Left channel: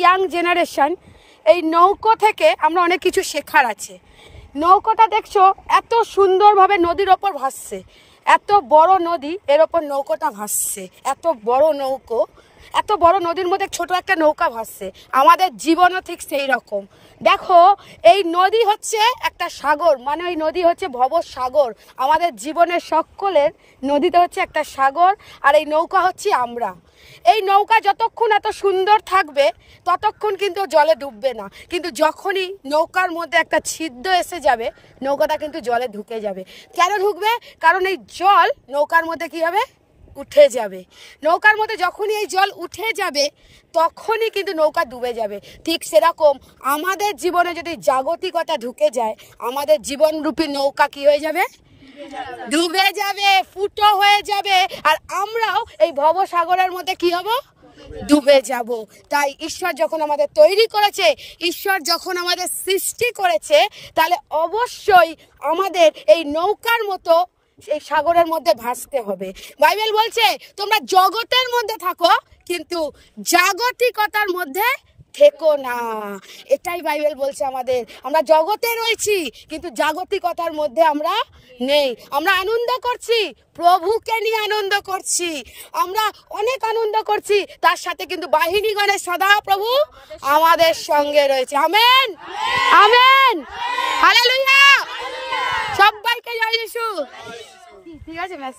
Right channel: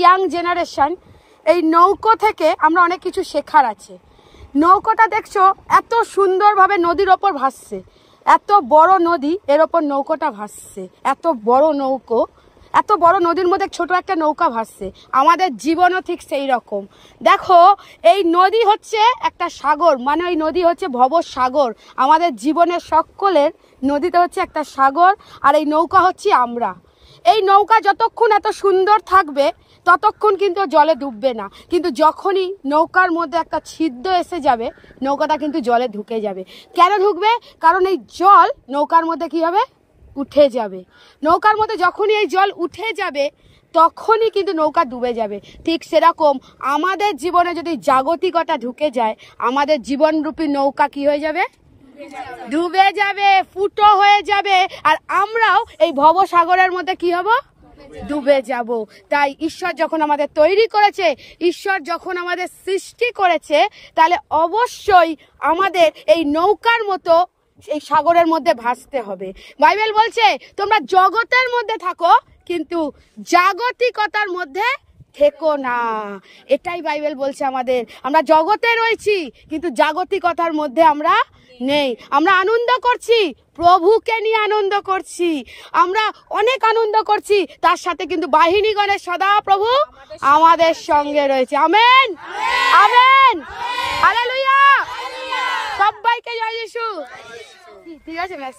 Young generation, এই নৌকো থেকে আমরা অনেক কিছু শেখার আছে। নৌকোটা দেখছো এত সুন্দরভাবে নদীর ওপর ভাসছে, এত বড় নদী, এর ওপর নৌকোটা ভাসছে। এত বড় নৌকো, এত বড় নদীর মধ্যে ছোট একটা নৌকা ভাসছে। আমাদের জীবনও ঠিক সেই রকম। দেখো এই নদী হচ্ছে একটা সাগর, মানে ওই নদী হচ্ছে ভবসাগর। আমাদের জীবনের সকলের নদীতে হচ্ছে একটা সাগর, আর এই নৌকা হচ্ছে আমরা। এই নৌকা যতক্ষণ এত সুন্দর থাকবে ততক্ষণ কিন্তু জলে ডুববে না, কিন্তু যখনই নৌকার মধ্যে একটা ছিদ্র এসে যাবে নৌকাটা কিন্তু জলে ঢুকে যাবে। কেন ঢুকবে? কারণ এই জল নৌকার মধ্যে কি হবে? উঠে যাবে। নৌকার মধ্যে যখনই এই জল উঠে যাবে তখনই কিন্তু নৌকা ডুবে যাবে। ঠিক সেরকম আমাদের জীবনে যদি জাগতিকতা ঢুকে যায়, আমাদের জীবনরূপী নৌকা কি হয়ে যাবে? ডুবে যাবে, ফুটো হয়ে যাবে, আর আমরাও এই ভবসাগরের মধ্যে কি হব? ডুবে যাব। তাই ঈশ্বর যখন আমাদের তৈরি করেছে, ঈশ্বর যখন আমাদের সৃষ্টি করেছে, তাহলে অবশ্যই আমাদের এই নৌকার মতো এই সাগরের মধ্যে ভাসতে হবে। বাইবেল বলছে তোমরা জগতের মধ্যে থাকো কিন্তু জাগতিকতার মধ্যে থেকো না। এটাই বাইবেল বলছে আমাদের। আমরা জগতে রয়েছি কিন্তু জাগতিকতার মধ্যে আমরা নেই। আমরা আনন্দ করছি, প্রভুকে নিয়ে আনন্দ করছি, আমরা অনেক আনন্দ করছি, তার সাথে কিন্তু বাহিনীগণের সদা প্রভু আমাদের সঙ্গে রয়েছে। Amen, amen, hallelujah. সবাইকে জয় যিশু। ঠিক আছে ব্যাস।